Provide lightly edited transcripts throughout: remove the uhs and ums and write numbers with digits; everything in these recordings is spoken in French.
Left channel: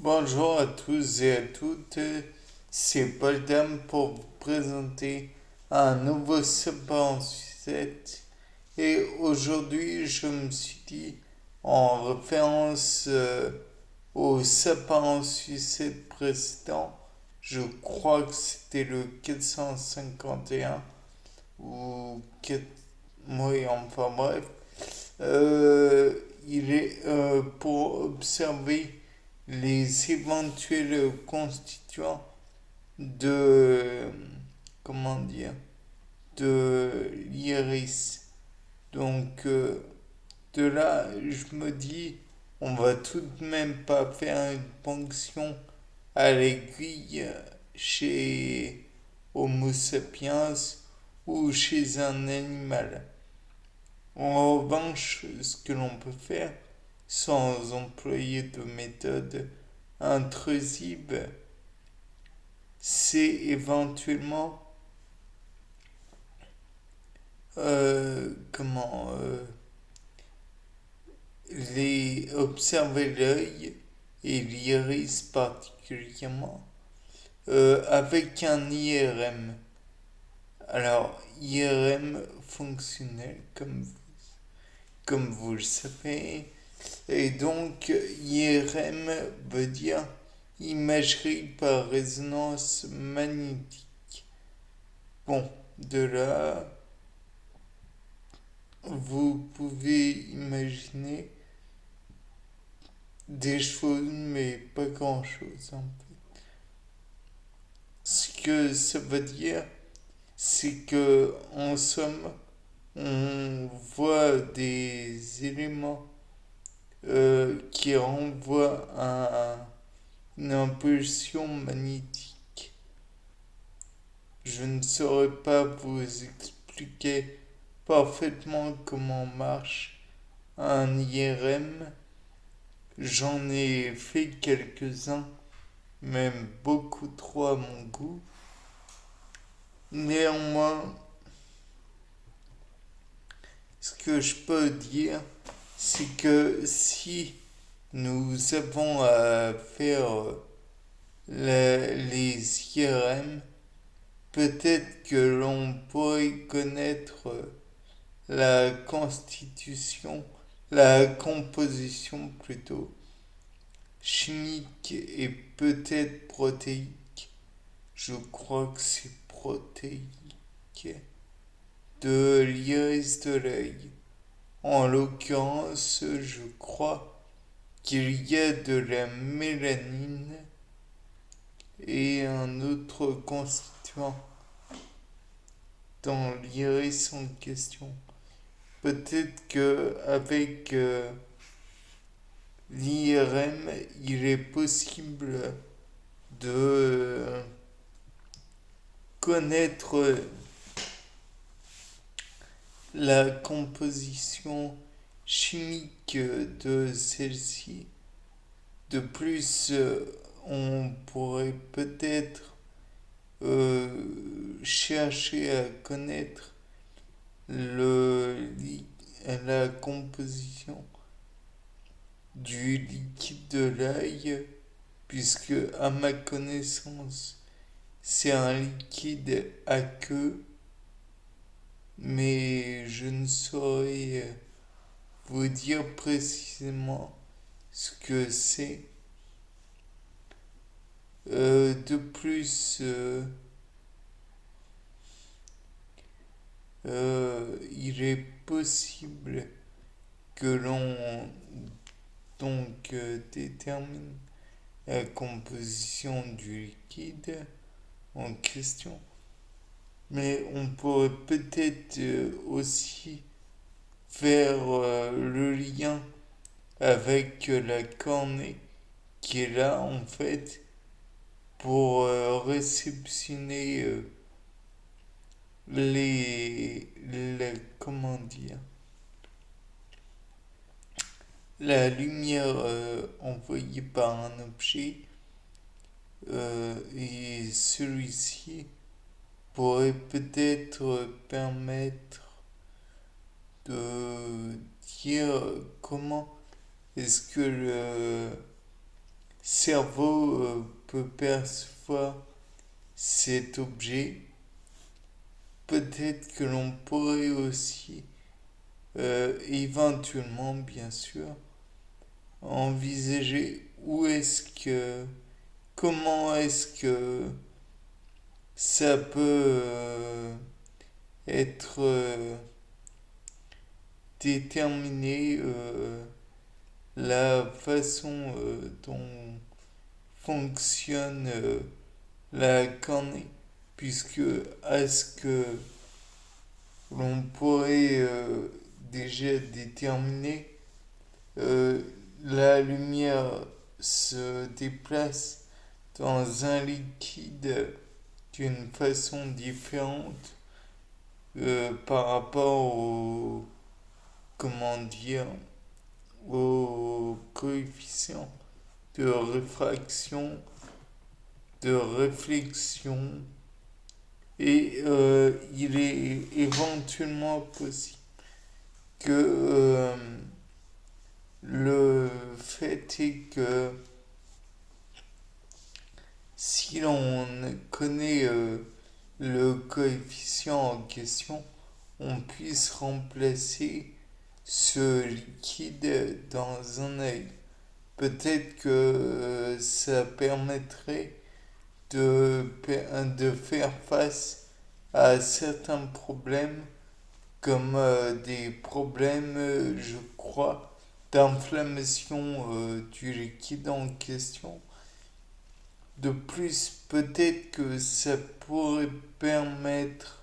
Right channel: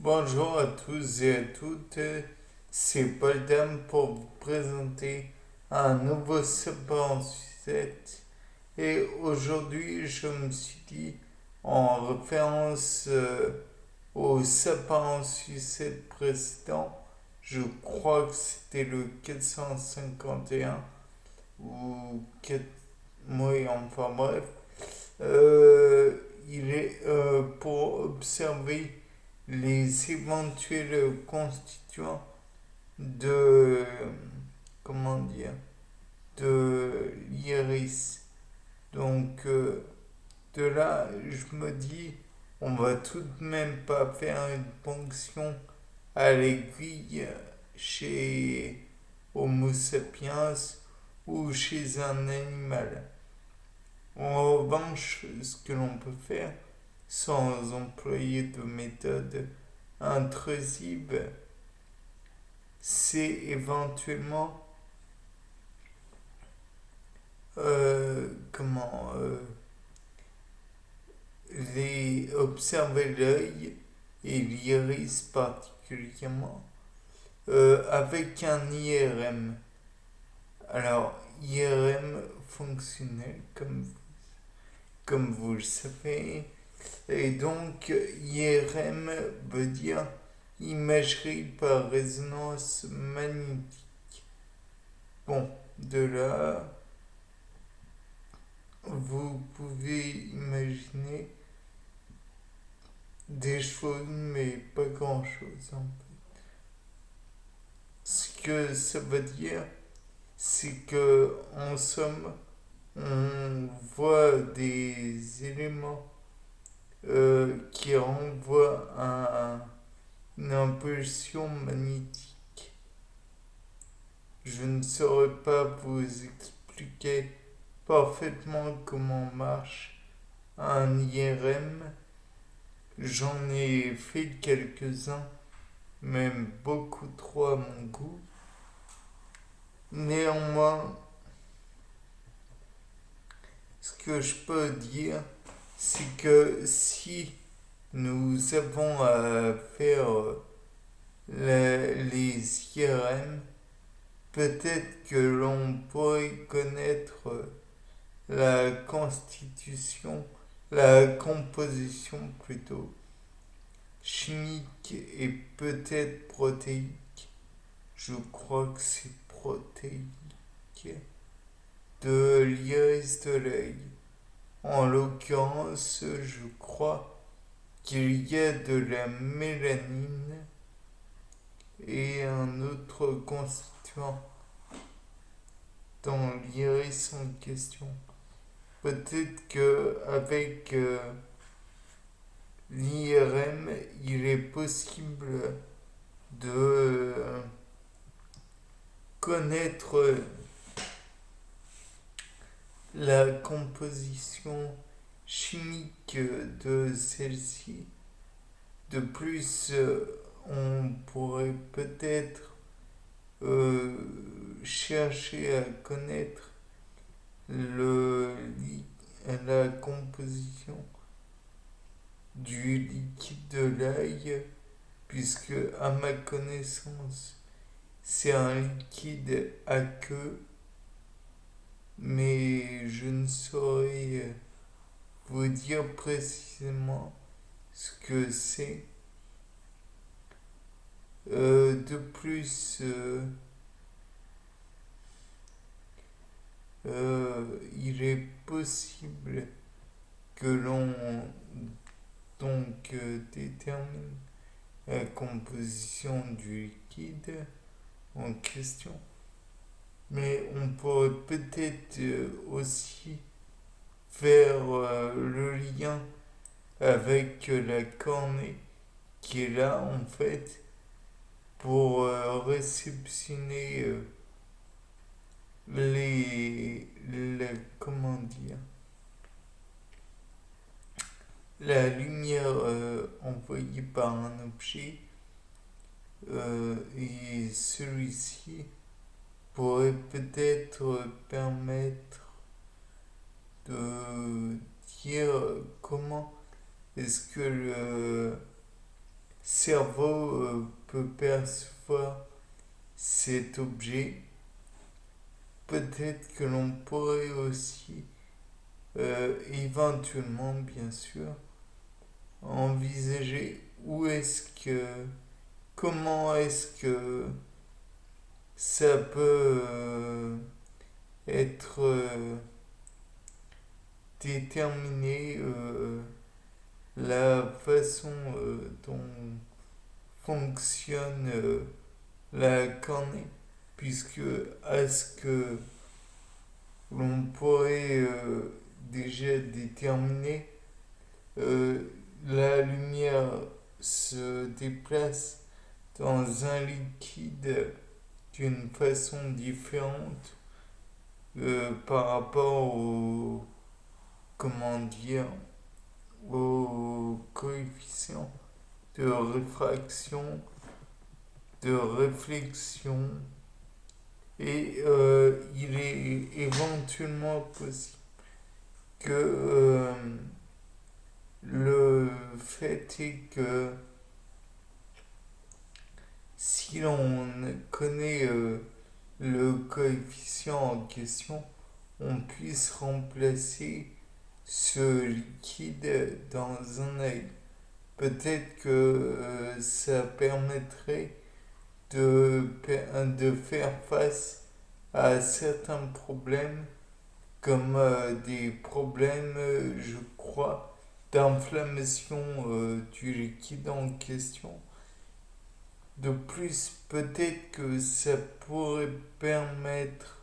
Bonjour à tous et à toutes, c'est Paul Dame pour vous présenter un nouveau sapin en sucette. Et aujourd'hui, je me suis dit, en référence au sapin en sucette précédent, je crois que c'était le 451 ou 4... Oui, enfin bref, il est pour observer les éventuels constituants de, comment dire, de l'iris. Donc de là, je me dis, on va tout de même pas faire une ponction à l'aiguille chez Homo sapiens ou chez un animal. En revanche, ce que l'on peut faire, sans employer de méthode intrusive, c'est éventuellement comment les observer l'œil et l'iris particulièrement avec un IRM. Alors IRM fonctionnel comme vous le savez. Et donc, IRM veut dire imagerie par résonance magnétique. Bon, de là, vous pouvez imaginer des choses, mais pas grand-chose en fait. Ce que ça veut dire, c'est que en somme, on voit des éléments qui renvoient à une impulsion magnétique. Je ne saurais pas vous expliquer parfaitement comment marche un IRM. J'en ai fait quelques-uns, même beaucoup trop à mon goût. Néanmoins, ce que je peux dire, c'est que si nous avons à faire les IRM, peut-être que l'on pourrait connaître la constitution, la composition plutôt, chimique et peut-être protéique, je crois que c'est protéique, de l'iris de l'œil. En l'occurrence, je crois qu'il y a de la mélanine et un autre constituant dans l'iris en question. Peut-être que avec l'IRM, il est possible de connaître la composition chimique de celle-ci. De plus, on pourrait peut-être chercher à connaître le, la composition du liquide de l'œil, puisque à ma connaissance, c'est un liquide aqueux, mais je ne saurais vous dire précisément ce que c'est. De plus, il est possible que l'on donc détermine la composition du liquide en question. Mais on pourrait peut-être aussi faire le lien avec la cornée qui est là en fait pour réceptionner comment dire, la lumière envoyée par un objet et celui-ci pourrait peut-être permettre de dire comment est-ce que le cerveau peut percevoir cet objet. Peut-être que l'on pourrait aussi, éventuellement bien sûr, envisager comment est-ce que ça peut être déterminé la façon dont fonctionne la cornée, puisque à ce que l'on pourrait déjà déterminer, euh, la lumière se déplace dans un liquide d'une façon différente par rapport comment dire, au coefficient de réfraction, de réflexion, et il est éventuellement possible que le fait est que si l'on connaît le coefficient en question, on puisse remplacer ce liquide dans un œil. Peut-être que ça permettrait de faire face à certains problèmes, comme des problèmes, je crois, d'inflammation du liquide en question. De plus, peut-être que ça pourrait permettre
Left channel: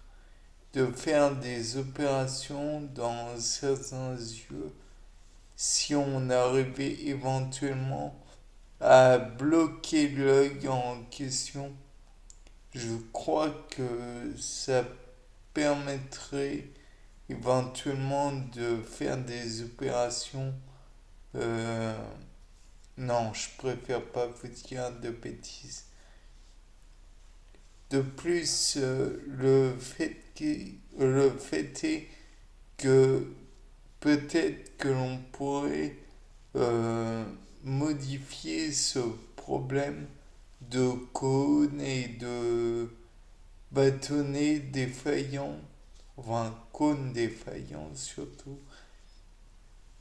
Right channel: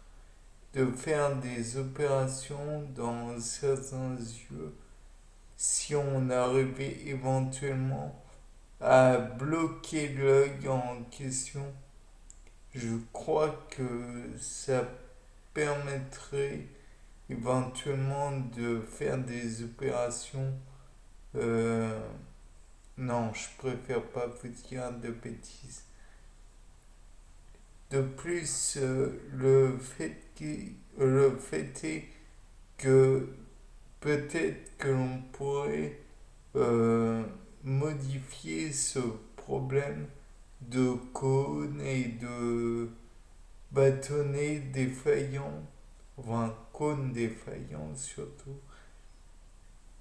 de faire des opérations dans certains yeux si on arrivait éventuellement à bloquer l'œil en question. Je crois que ça permettrait éventuellement de faire des opérations. euh, non, je préfère pas vous dire de bêtises. De plus, le fait est que peut-être que l'on pourrait modifier ce problème de cône et de bâtonnet défaillant, enfin cône défaillant surtout.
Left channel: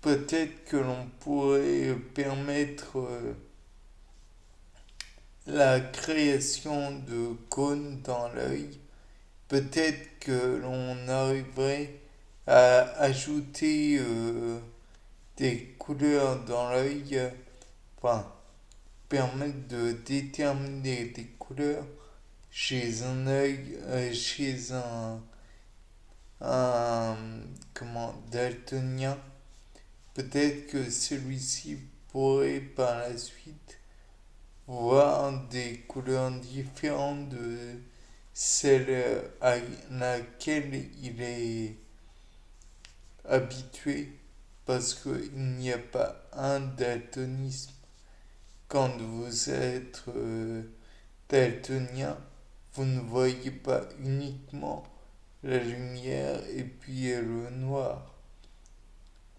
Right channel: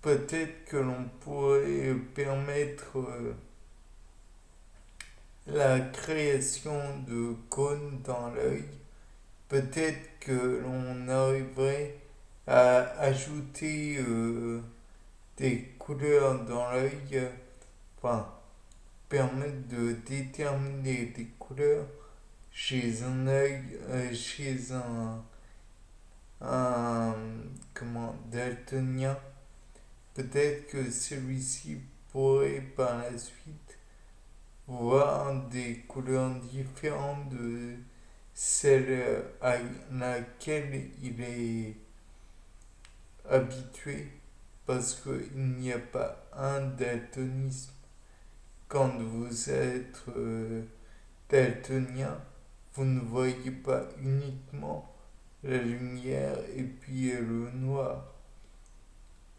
Peut-être que l'on pourrait permettre la création de cônes dans l'œil. Peut-être que l'on arriverait à ajouter des couleurs dans l'œil, enfin, permettre de déterminer des couleurs chez un œil, chez un comment, daltonien. Peut-être que celui-ci pourrait par la suite voir des couleurs différentes de celle à laquelle il est habitué, parce qu'il n'y a pas un daltonisme. Quand vous êtes daltonien, vous ne voyez pas uniquement la lumière et puis le noir.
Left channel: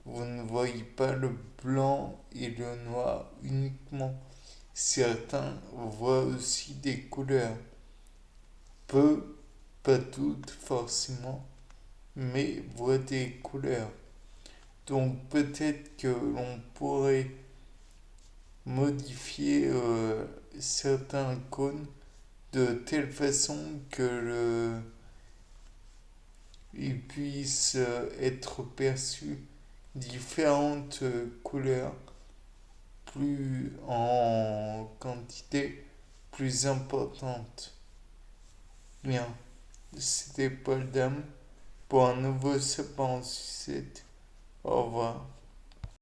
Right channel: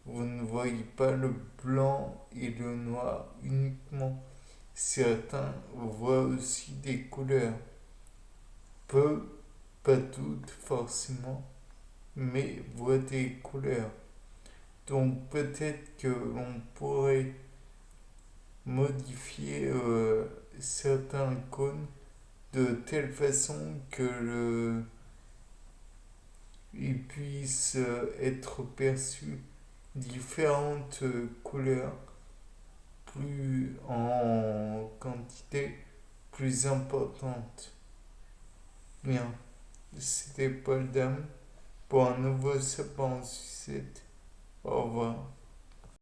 Vous ne voyez pas le blanc et le noir uniquement. Certains voient aussi des couleurs. Peu, pas toutes forcément, mais voient des couleurs. Donc peut-être que l'on pourrait modifier certains cônes de telle façon que il puisse être perçu différentes couleurs plus en quantité plus importante. Bien, c'était Paul Dame pour un nouveau Sapin en sucette. Au revoir.